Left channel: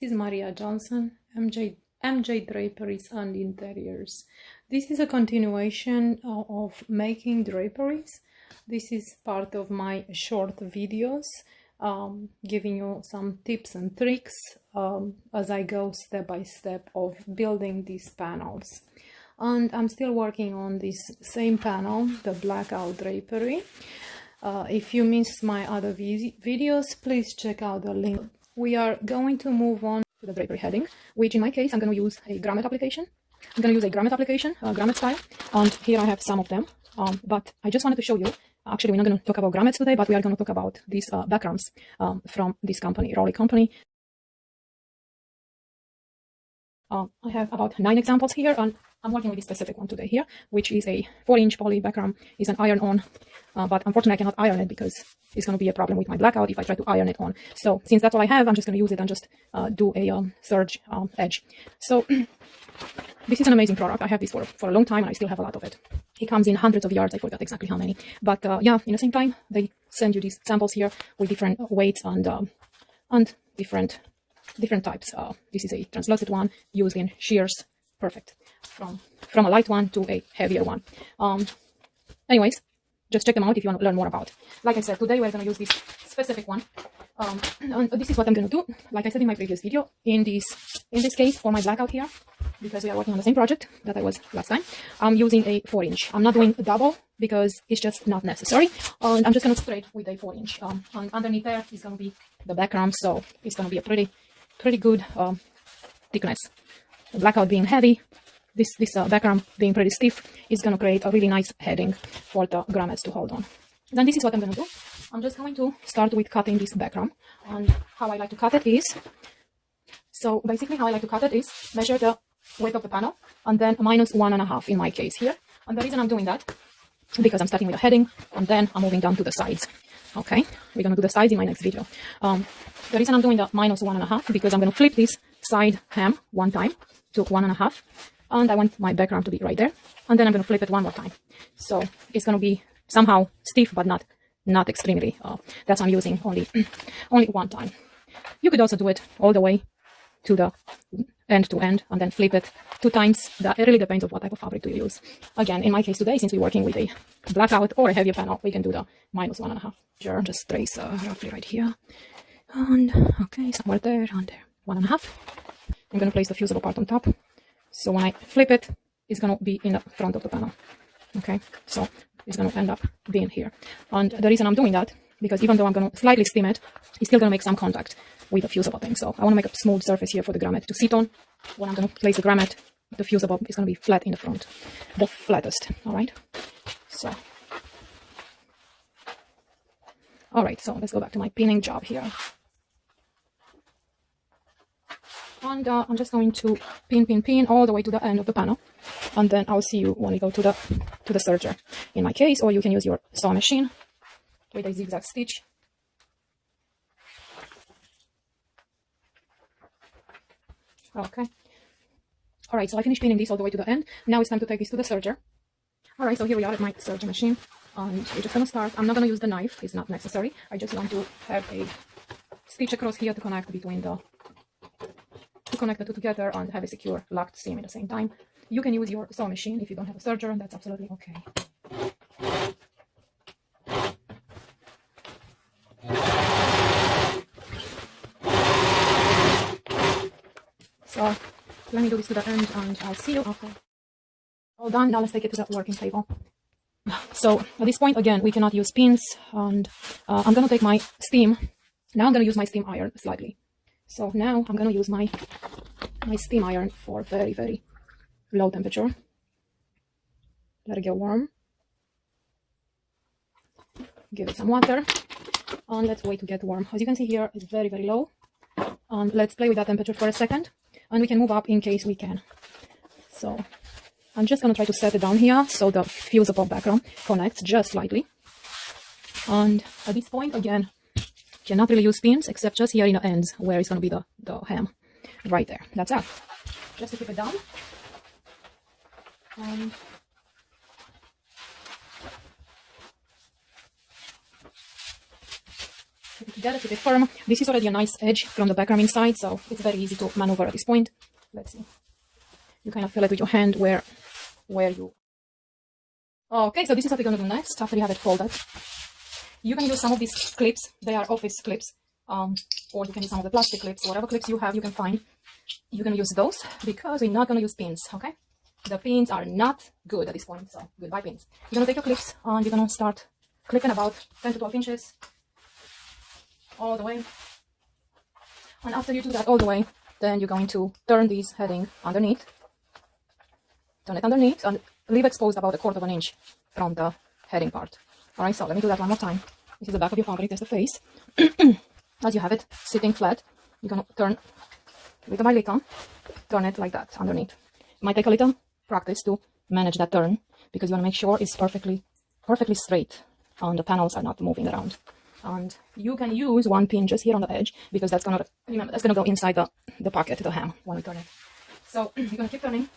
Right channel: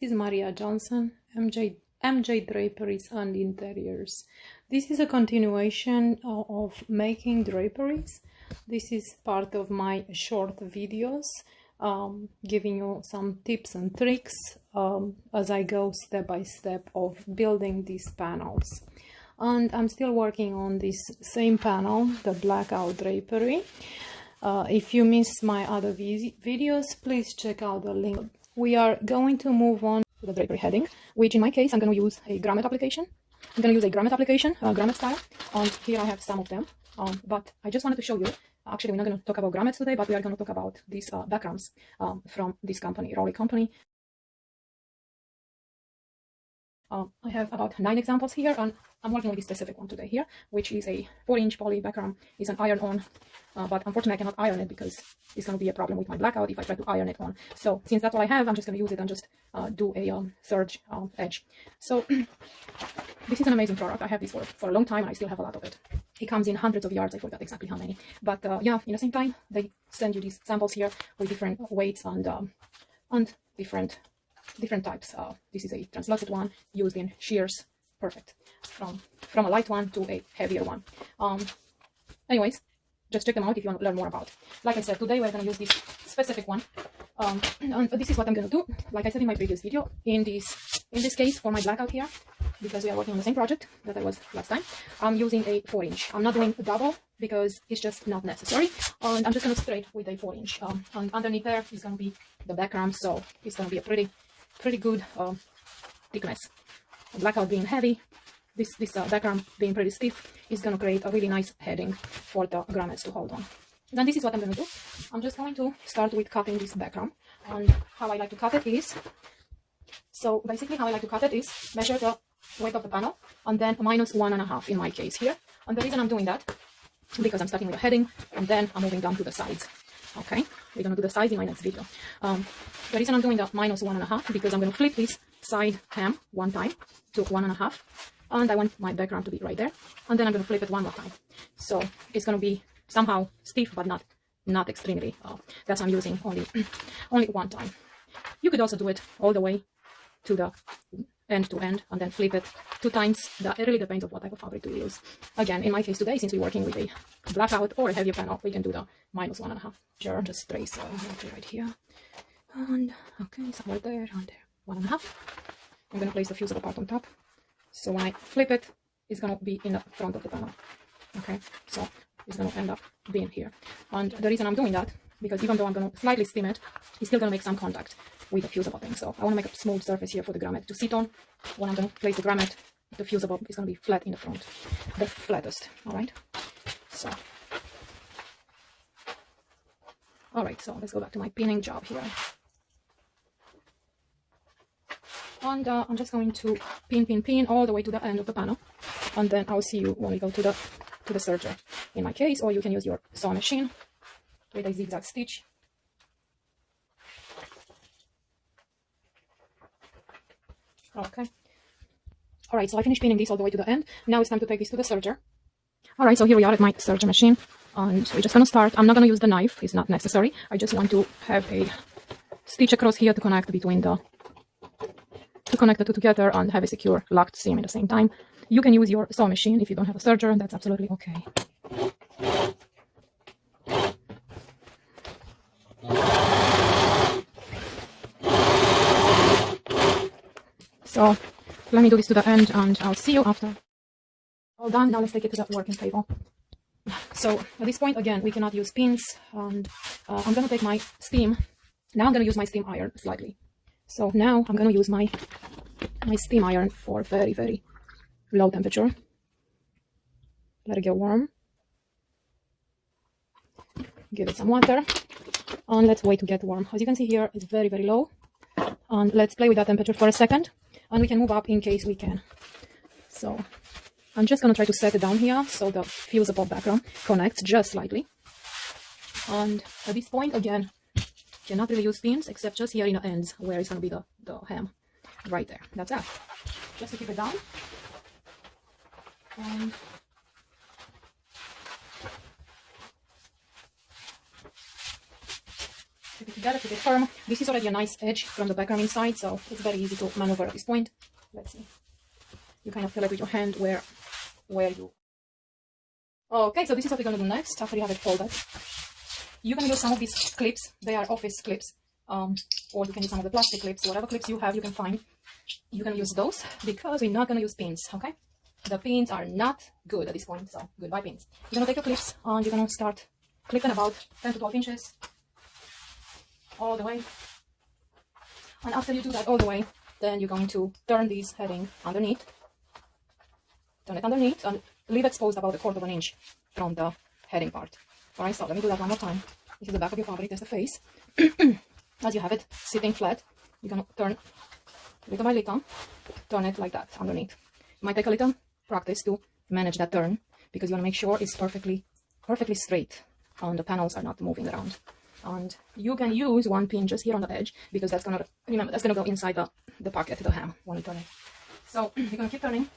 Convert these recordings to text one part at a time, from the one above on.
This is Maria Johnson, MJ Draperies and Interiors. This is a continuation of making draperies. This is part of my short videos, giving you some tips and tricks as I go step by step of building these panels. And I'm still working on this same panel, the Blackout drapery. If you missed my other videos, please check out the link. We are going to move on to the drapery heading, which in my case, I'm going to use a grommet application. I'm going to use a grommet application, grommet style, and here I have some of them. But I just wanted to show you, actually we're not going to talk about grommets today, but we are going to talk about these backgrounds from this company, Raleigh company. I have about 9 examples here, and I'm working with this specific one today here, which is a 4-inch poly background. Is an iron-on, but unfortunately I cannot iron it because it's going to be a problem with my blackout if I try to iron it on. So since that's all I have, I'm just going to use it and just do a serge edge. So this is an amazing product. I have this for a long time, and I still have a lot of it. It comes in hundreds of yards. I forgot exactly how many, but yeah, in the same time they send you these samples here with different weights and different types. This is a translucent one used in shears. Perfect. From a light one to a heavier one. Anyways, just check them out if you want to learn more about. Like I said, today we're going to use this specific one. And this is what I'm going to do. Like I said in my previous video, in this case for my blackout here, because we are working on the same project that I was last time, I'm using a 4-inch. I'm not doing a double because it's just not necessary. And I'm just going to straight with a 4-inch. And underneath there is going to be the background, so it's going to be a pretty good thickness. The blackout being heavy, this background being pretty stiff, is going to create a really nice heading for the grommets to hold on. Then this is what I'm going to do. I'm just going to start with cutting this background. And how I like to cut it is, so basically how I like to cut it is measure the width of the panel and then -1.5 in my case here. And the reason I'm doing that, because I'm starting with the heading and then I'm moving down to the sides. Okay, we're going to do the sides in my next video. The reason I'm doing the -1.5 because I'm going to flip this side hem one time to 1.5, and I want my background to be right there, and then I'm going to flip it one more time, so it's going to be somehow stiff but not extremely. That's why I'm using only one time. You could also do it all the way to the end to end and then flip it 2 times. That it really depends on what type of fabric to use. Again, in my case today, since we're working with a blackout or a heavier panel, we can do the -1.5. Sure, just trace roughly right here, and okay, somewhere there and there, 1.5. I'm going to place the fusible part on top, so when I flip it, it's going to be in the front of the panel. Okay, so it's going to end up being here. And the reason I'm doing that, because even though I'm going to slightly steam it, it's still going to make some contact with the fusible thing. So I want to make a smooth surface here for the grommet to sit on. When I'm going to place the grommet, the fusible is going to be flat in the front, the flattest. All right, so let's go back to my pinning job here. And I'm just going to pin all the way to the end of the panel, and then I'll see you when we go to the serger in my case, or you can use your sewing machine with a zigzag stitch. Okay, all right, so I finished pinning this all the way to the end. Now it's time to take this to the serger. All right, so here we are at my serger machine, and we're just going to start. I'm not going to use the knife, it's not necessary. I just want to have a stitch across here to connect between connect the two together and have a secure locked seam at the same time. You can use your sewing machine if you don't have a serger, and that's absolutely okay. So let me do this to the end, and I'll see you after. All done. Now let's take it to the working table. So at this point, again, we cannot use pins, and I'm going to take my steam. Now I'm going to use my steam iron slightly. So now I'm going to use my steam iron for very low temperature. Let it get warm. Give it some water, and let's wait to get warm. As you can see here, it's very low. And let's play with that temperature for a second, and we can move up in case we can. So I'm just going to try to set it down here so the fusible background connects just slightly. And at this point, again, cannot really use pins except just here in the ends where it's going to be the hem right there. That's it. Just to keep it down. And keep it together to be firm. This is already a nice edge from the background inside, so it's very easy to maneuver at this point. Let's see. You kind of feel it with your hand where you... Okay, so this is what we're going to do next after you have it folded. You can use some of these clips. They are office clips, or you can use some of the plastic clips. Whatever clips you have, you can find. You can use those because we're not going to use pins, okay? The pins are not good at this point, so goodbye pins. You're going to take your clips and you're going to start clipping about 10 to 12 inches all the way. And after you do that all the way, then you're going to turn this heading underneath. Turn it underneath and leave exposed about 1/4 inch from the heading part. Alright, so let me do that one more time. This is the back of your fabric, there's the face. As you have it sitting flat, you're going to turn little by little, turn it like that underneath. It might take a little practice to manage that turn because you want to make sure it's perfectly straight and the panels are not moving around. And you can use one pin just here on the edge because that's gonna, remember, that's gonna go inside the pocket, the hem when you turn it. So you're gonna keep turning.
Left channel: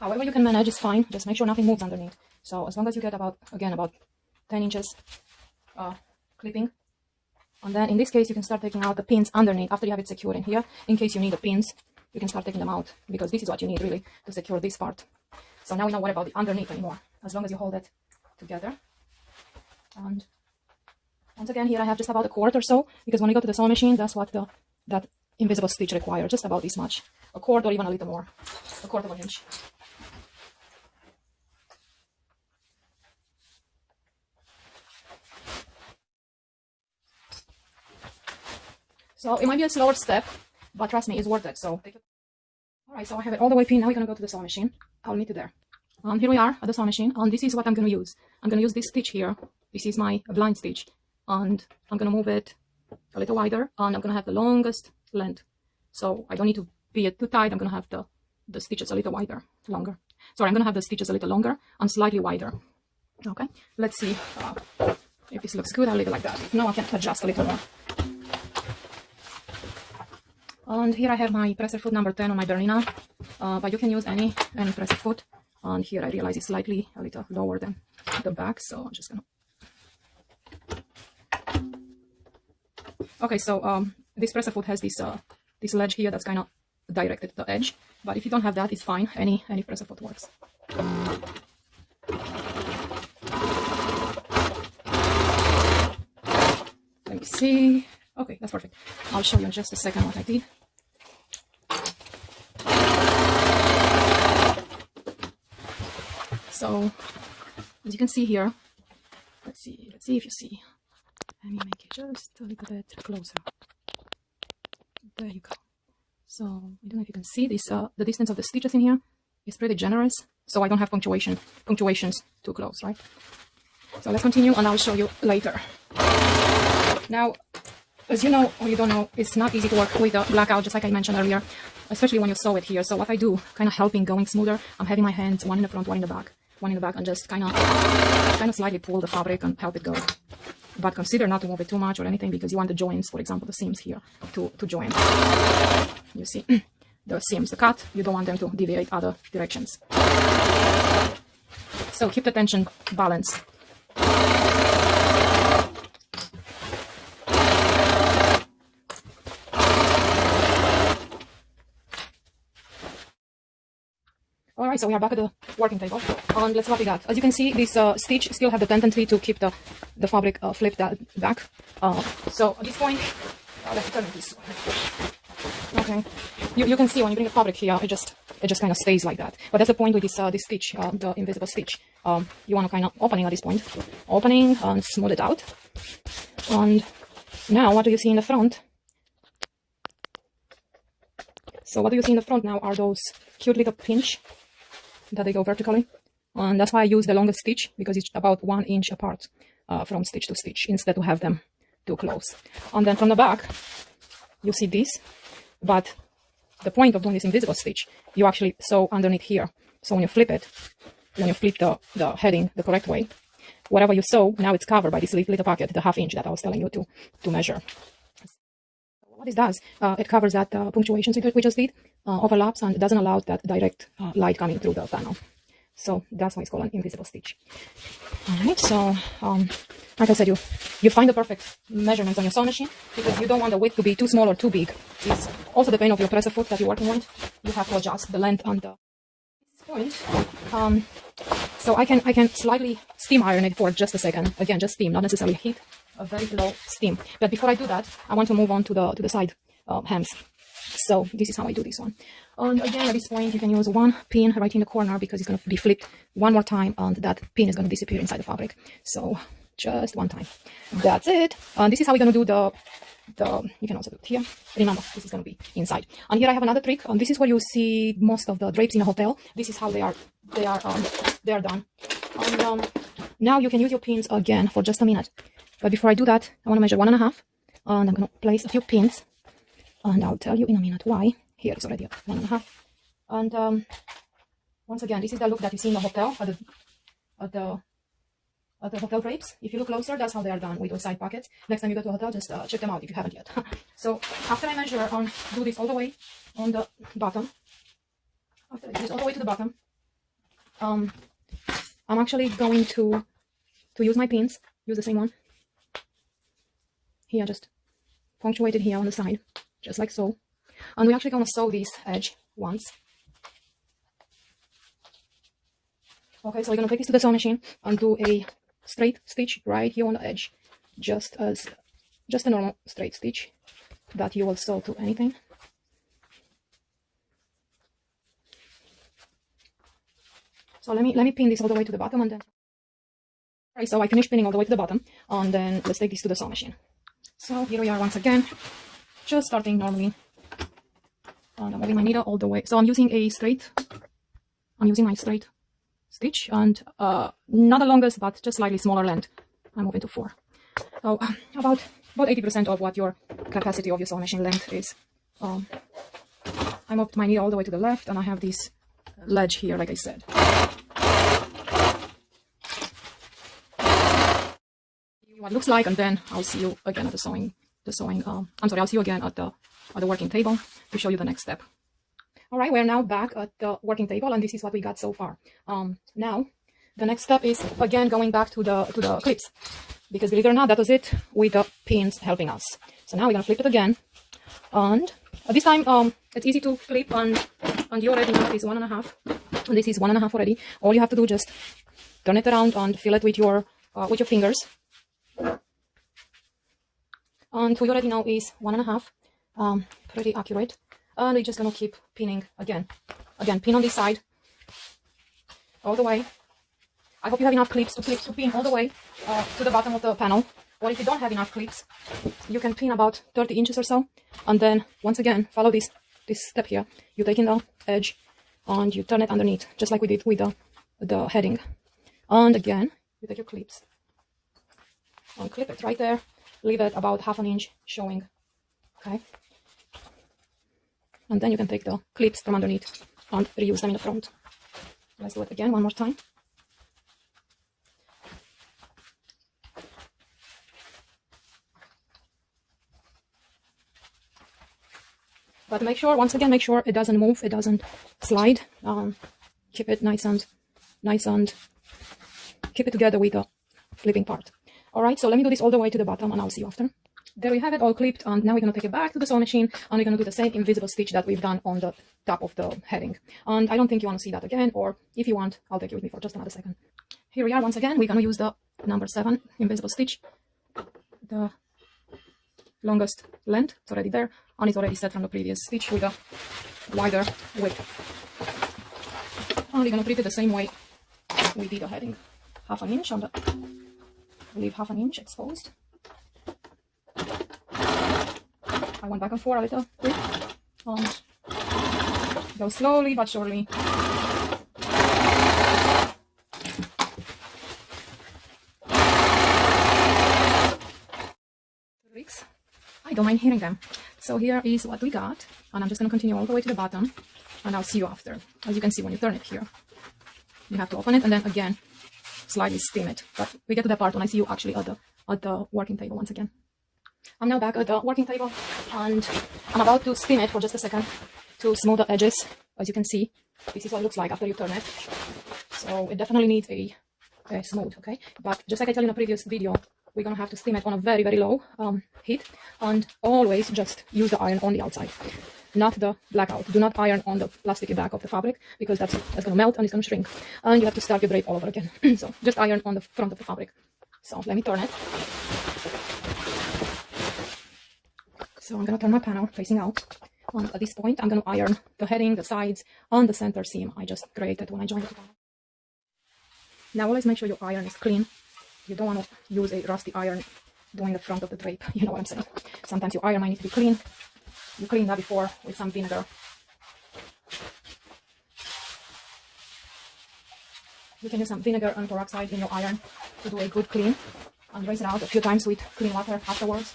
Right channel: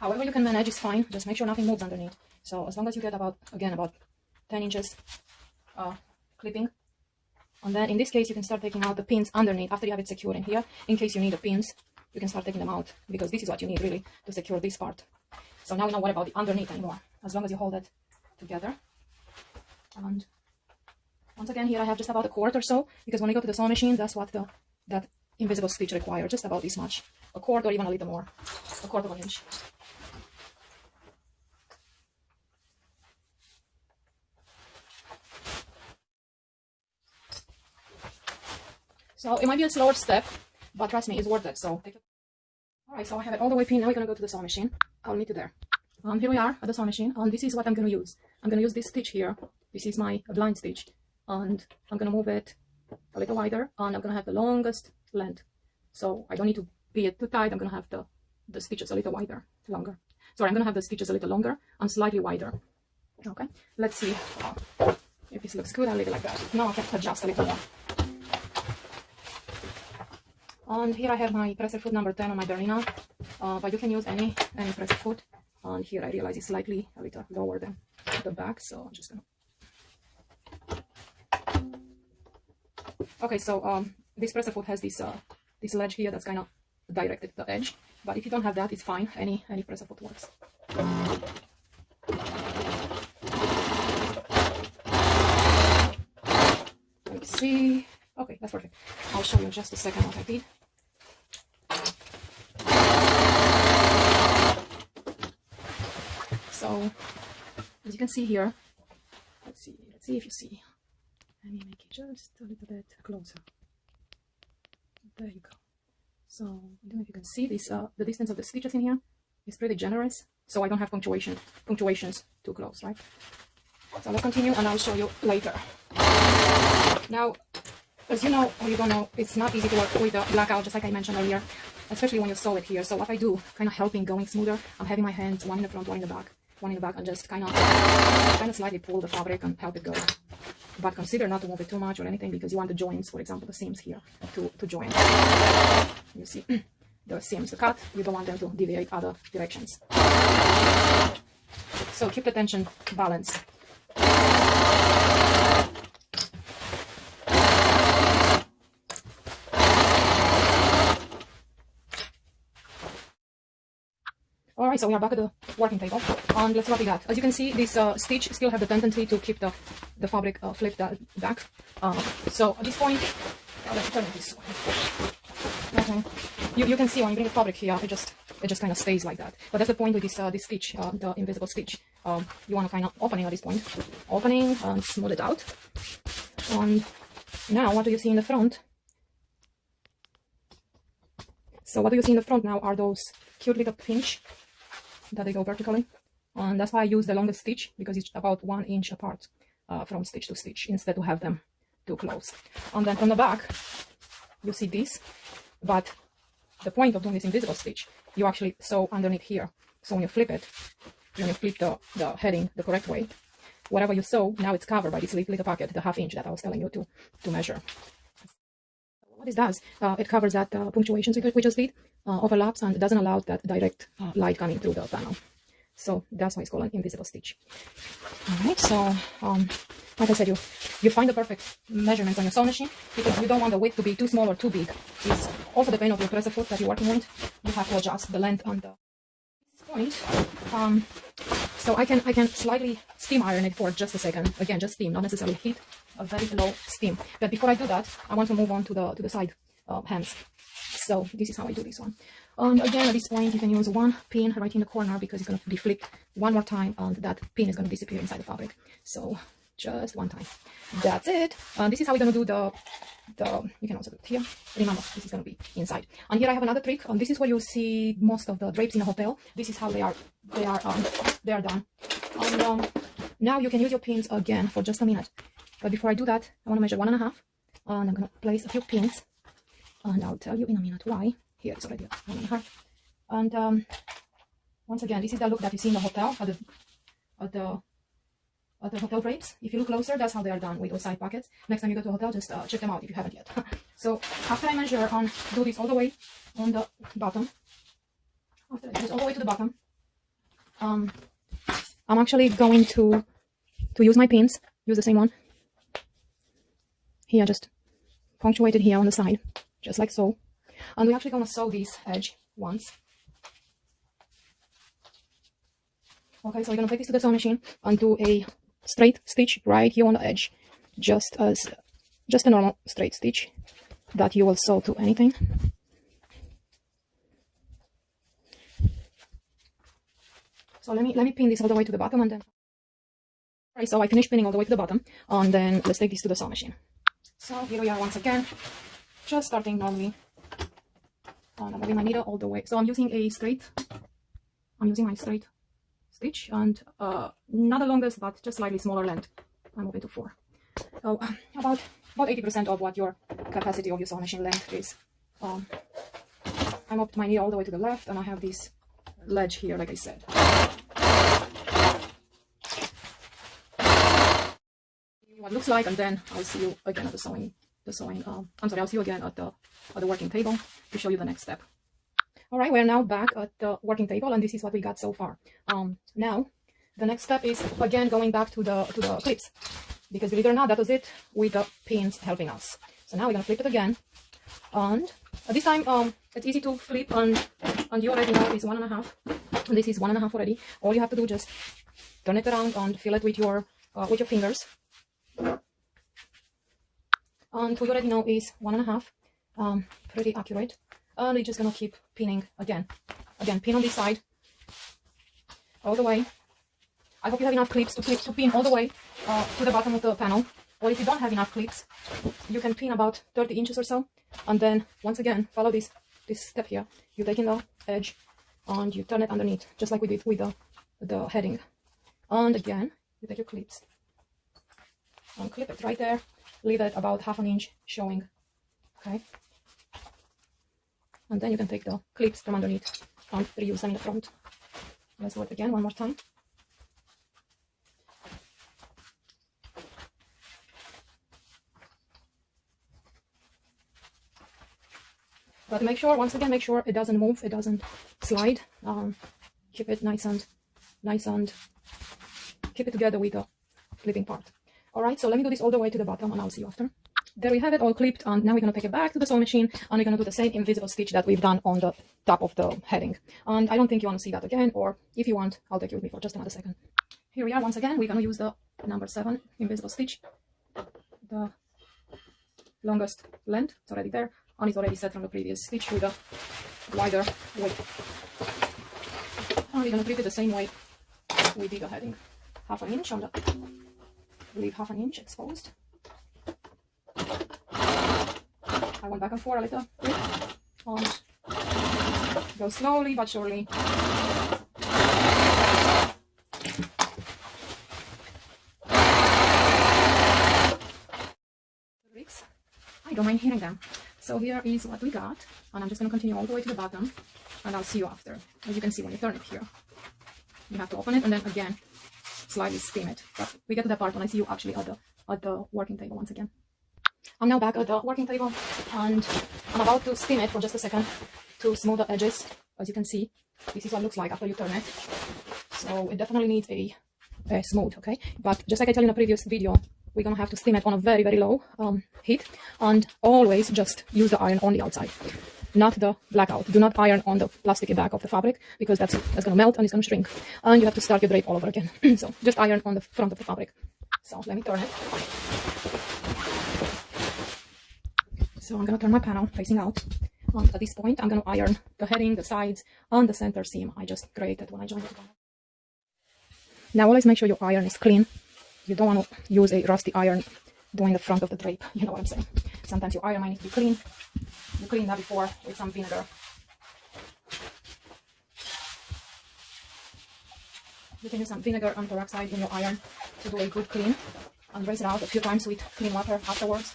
However you can manage is fine, just make sure nothing moves underneath. So as long as you get about 10 inches clipping. And then in this case, you can start taking out the pins underneath after you have it secured in here. In case you need the pins, you can start taking them out because this is what you need really to secure this part. So now you don't worry about the underneath anymore, as long as you hold it together. And once again, here I have just about 1/4 or so, because when we go to the sewing machine, that's what that invisible stitch requires, just about this much. 1/4 or even a little more, 1/4 inch. So it might be a slower step, but trust me, it's worth it. So take it. Alright, so I have it all the way pinned. Now we're going to go to the sewing machine. I'll meet you there. Here we are at the sewing machine, and this is what I'm going to use. I'm going to use this stitch here. This is my blind stitch, and I'm going to move it a little wider, and I'm going to have the longest length. So I don't need to be too tight. I'm going to have the stitches a little longer. Sorry, I'm going to have the stitches a little longer and slightly wider. Okay, let's see if this looks good. I'll leave it like that. If no, I can adjust a little more. And here I have my presser foot number 10 on my Berliner, but you can use any presser foot. And here I realize it's slightly a little lower than the back, so I'm just gonna... Okay, so this presser foot has this this ledge here that's kind of directed to the edge, but if you don't have that, it's fine. Any presser foot works. Let me see. Okay, that's perfect. I'll show you in just a second what I did. So, as you can see here, let's see if you see. Let me make it just a little bit closer. There you go. So, I don't know if you can see this, the distance of the stitches in here is pretty generous. So I don't have punctuations too close, right? So let's continue and I'll show you later. Now, as you know or you don't know, it's not easy to work with the blackout, just like I mentioned earlier, especially when you sew it here. So what I do, kind of helping going smoother, I'm having my hands one in the front, one in the back, and just kind of slightly pull the fabric and help it go. But consider not to move it too much or anything, because you want the joints, for example, the seams here, to join. You see the seams, the cut, you don't want them to deviate other directions. So keep the tension balanced. Alright, so we are back at the working table, and let's see what we got. As you can see, this stitch still have the tendency to keep the fabric flipped back. So at this point, let me turn it this way. Okay, you can see when you bring the fabric here, it just kind of stays like that. But that's the point with this this stitch, the invisible stitch. You want to kind of opening at this point, opening and smooth it out. And now, what do you see in the front? So what do you see in the front now are those cute little pinch that they go vertically, and that's why I use the longest stitch, because it's about 1 inch apart from stitch to stitch, instead of have them too close. And then from the back you see this, but the point of doing this invisible stitch, you actually sew underneath here. So when you flip it, when you flip the heading the correct way, whatever you sew, now it's covered by this little pocket, the 1/2 inch that I was telling you to measure. What this does, it covers that punctuation we just did, overlaps, and doesn't allow that direct light coming through the panel. So that's why it's called an invisible stitch. Alright, so like I said, you find the perfect measurements on your sewing machine, because you don't want the width to be too small or too big. It's also the pain of your presser foot that you're working with. You have to adjust the length on the point. So I can slightly steam iron it for just a second. Again, just steam, not necessarily heat, a very low steam. But before I do that, I want to move on to the side hems. So this is how I do this one. Again, at this point, you can use one pin right in the corner, because it's going to be flipped one more time, and that pin is going to disappear inside the fabric. So just one time. That's it. This is how we're going to do the you can also do it here. Remember, this is going to be inside. And here I have another trick. This is where you see most of the drapes in a hotel. This is how they are done. Now you can use your pins again for just a minute. But before I do that, I want to measure 1.5, and I'm going to place a few pins, and I'll tell you in a minute why. Here it's already at 1.5. And once again, this is the look that you see in the hotel at the hotel drapes. If you look closer, that's how they are done, with those side pockets. Next time you go to a hotel, just check them out if you haven't yet. So after I measure and do this all the way on the bottom, after I do this all the way to the bottom, I'm actually going to use my pins. Use the same one. Here, just punctuated here on the side, just like so. And we're actually going to sew this edge once. Okay, so we're going to take this to the sewing machine and do a straight stitch right here on the edge, just a normal straight stitch that you will sew to anything. So let me pin this all the way to the bottom, and then okay, so I finished pinning all the way to the bottom, and then let's take this to the sewing machine. So here we are once again, just starting normally. And I'm moving my needle all the way. So I'm using my straight stitch, and not the longest, but just slightly smaller length. I move it to 4. So about 80% of what your capacity of your sewing machine length is. I moved my needle all the way to the left, and I have this ledge here, like I said. What it looks like, and then I'll see you again at I'll see you again at the working table to show you the next step. All right, we're now back at the working table, and this is what we got so far. Now the next step is again going back to the clips, because believe it or not, that was it with the pins helping us. So now we're gonna flip it again, and this time it's easy to flip, and you already know it is 1.5, and this is 1.5 already. All you have to do, just turn it around and feel it with your fingers. And we already know is 1.5, pretty accurate. And we're just gonna keep pinning again, pin on this side all the way. I hope you have enough clips to pin all the way to the bottom of the panel. Or if you don't have enough clips, you can pin about 30 inches or so. And then once again, follow this step here. You take in the edge and you turn it underneath, just like we did with the heading. And again, you take your clips and clip it right there. Leave it about 1/2 inch showing. Okay. And then you can take the clips from underneath and reuse them in the front. Let's do it again one more time. But make sure it doesn't move, it doesn't slide. Keep it nice and keep it together with the flipping part. All right, so let me do this all the way to the bottom, and I'll see you after. There we have it all clipped, and now we're going to take it back to the sewing machine, and we're going to do the same invisible stitch that we've done on the top of the heading. And I don't think you want to see that again, or if you want, I'll take you with me for just another second. Here we are once again. We're going to use the number 7 invisible stitch, the longest length. It's already there, and it's already set from the previous stitch with a wider width. And we're going to treat it the same way we did the heading. 1/2 inch on the, leave 1/2 inch exposed. I went back and forth a little bit, and go slowly but surely. I don't mind hearing them. So here is what we got, and I'm just going to continue all the way to the bottom, and I'll see you after. As you can see, when you turn it here, you have to open it and then again slightly steam it. But we get to that part when I see you actually at the working table once again. I'm now back at the working table, and I'm about to steam it for just a second to smooth the edges. As you can see, this is what it looks like after you turn it. So it definitely needs a smooth, okay? But just like I told you in the previous video, we're gonna have to steam it on a very, very low heat, and always just use the iron on the outside, not the blackout. Do not iron on the plasticky back of the fabric, because that's gonna melt and it's gonna shrink, and you have to start your drape all over again. So just iron on the front of the fabric. So let me turn it. So I'm gonna turn my panel facing out. And at this point, I'm gonna iron the heading, the sides, and the center seam I just created when I joined it. Now always make sure your iron is clean. You don't want to use a rusty iron doing the front of the drape. You know what I'm saying? Sometimes your iron might need to be clean. You clean that before with some vinegar. You can use some vinegar and peroxide in your iron to do a good clean, and rinse it out a few times with clean water afterwards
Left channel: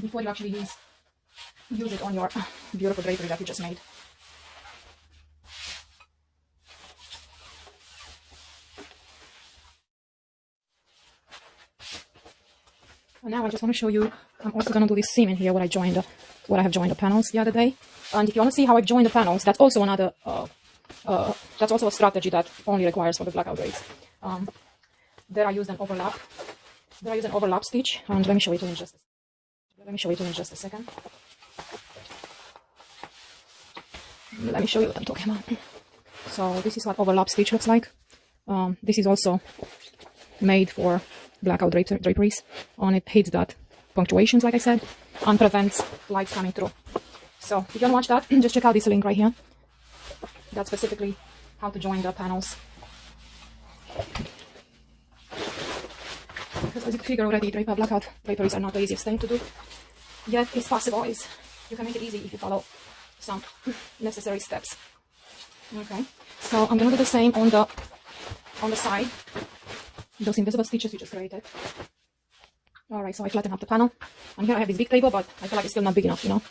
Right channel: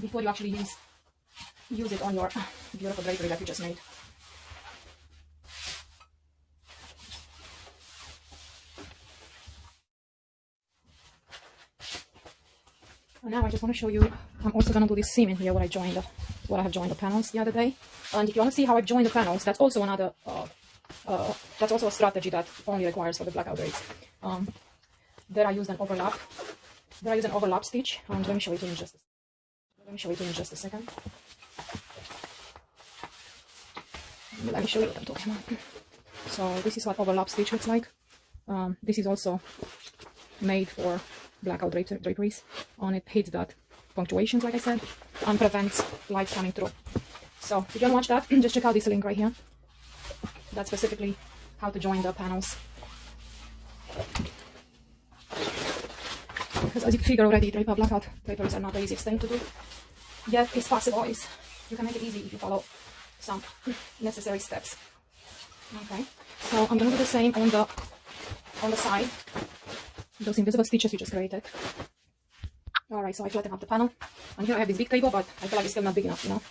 before you actually use it on your beautiful drapery that you just made. And now I just want to show you, I'm also going to do this seam in here when I have joined the panels the other day. And if you want to see how I've joined the panels, that's also another, that's also a strategy that only requires for the blackout drapes. There I used an overlap. There I used an overlap stitch, and let me show it to you in just a second. Let me show you what I'm talking about. So this is what overlap stitch looks like. This is also made for blackout draperies, and it hits that punctuations, like I said, and prevents lights coming through. So if you want to watch that, just check out this link right here. That's specifically how to join the panels. Because as you can figure already, blackout draperies are not the easiest thing to do. Yet it's possible. You can make it easy if you follow some necessary steps. Okay, so I'm gonna do the same on the side. Those invisible stitches you just created. Alright, so I flatten up the panel. And here I have this big table, but I feel like it's still not big enough, you know.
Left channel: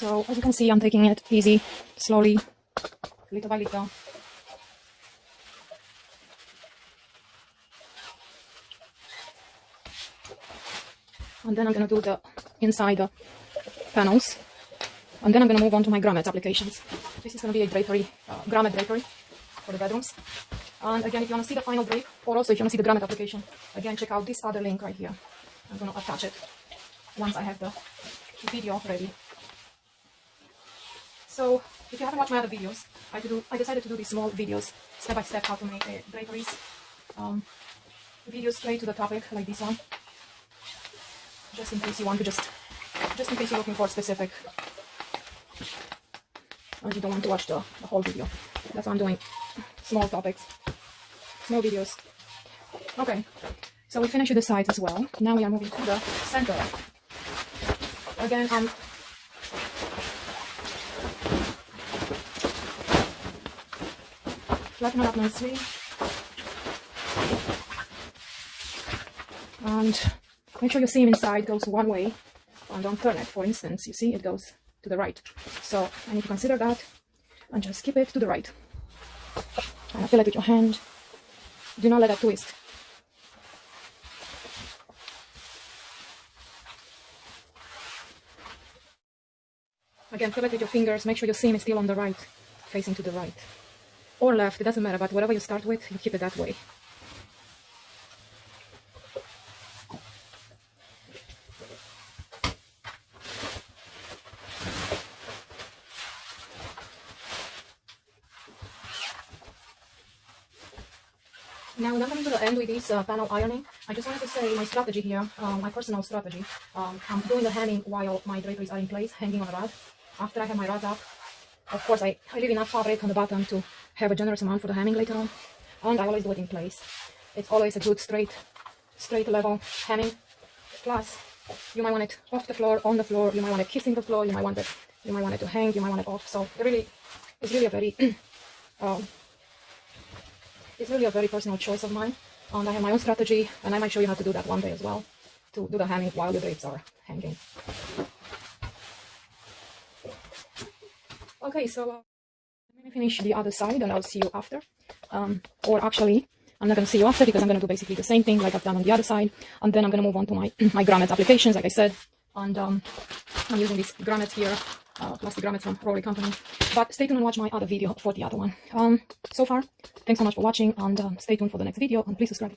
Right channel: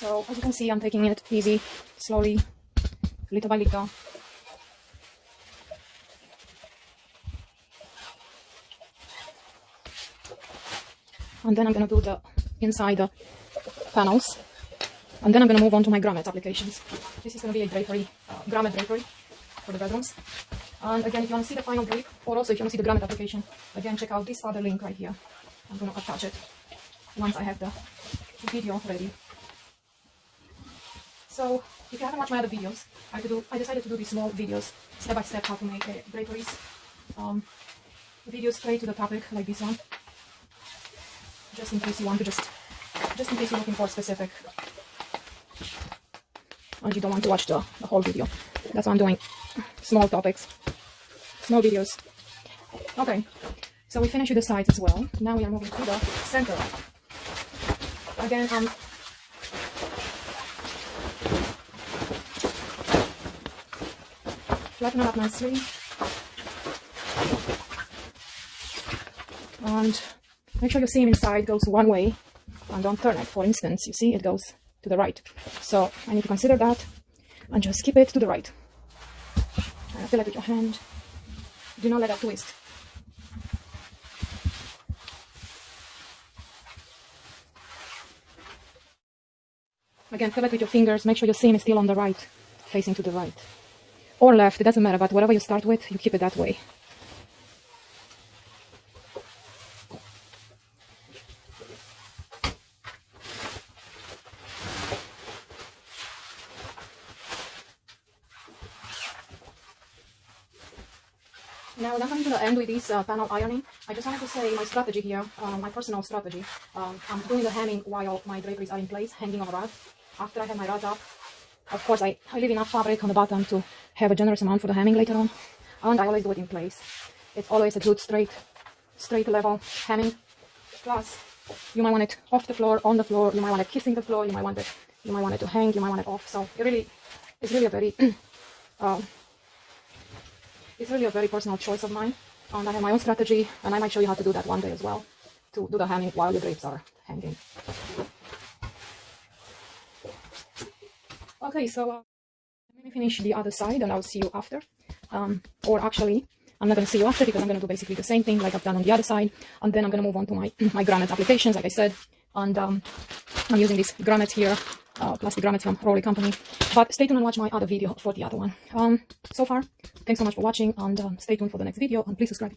So as you can see, I'm taking it easy, slowly, little by little. And then I'm going to do the inside the panels. And then I'm going to move on to my grommet applications. This is going to be a drapery, grommet drapery for the bedrooms. And again, if you want to see the final drape, or also if you want to see the grommet application, again, check out this other link right here. I'm going to attach it once I have the video ready. So, if you haven't watched my other videos, I decided to do these small videos, step by step, how to make draperies. Videos straight to the topic, like this one. Just in case you want to just in case you're looking for a specific, and you don't want to watch the whole video. That's why I'm doing small topics, small videos. Okay, so we finished with the sides as well. Now we are moving to the center. Again, flatten out nicely, and make sure your seam inside goes one way, and don't turn it. For instance, you see it goes to the right. So I need to consider that, and just keep it to the right. And feel it with your hand. Do not let that twist. Again, feel it with your fingers. Make sure your seam is still on the right, facing to the right. Or left, it doesn't matter, but whatever you start with, you keep it that way. Now, when I'm coming to the end with this panel ironing, I just wanted to say my strategy here, my personal strategy. I'm doing the hemming while my draperies are in place, hanging on a rod. After I have my rod up, of course, I leave enough fabric on the bottom to have a generous amount for the hemming later on. And I always do it in place. It's always a good straight level hemming. Plus, you might want it off the floor, on the floor. You might want it kissing the floor. You might want it to hang. You might want it off. So it's really a very it's really a very personal choice of mine. And I have my own strategy, and I might show you how to do that one day as well, to do the hemming while the drapes are hanging. Okay, so Let me finish the other side and I'll see you after. Or actually, I'm not going to see you after because I'm going to do basically the same thing like I've done on the other side. And then I'm going to move on to my, my grommets applications, like I said. And I'm using these grommets here, plastic grommets from Rory Company. But stay tuned and watch my other video for the other one. So far, thanks so much for watching, and stay tuned for the next video, and please subscribe.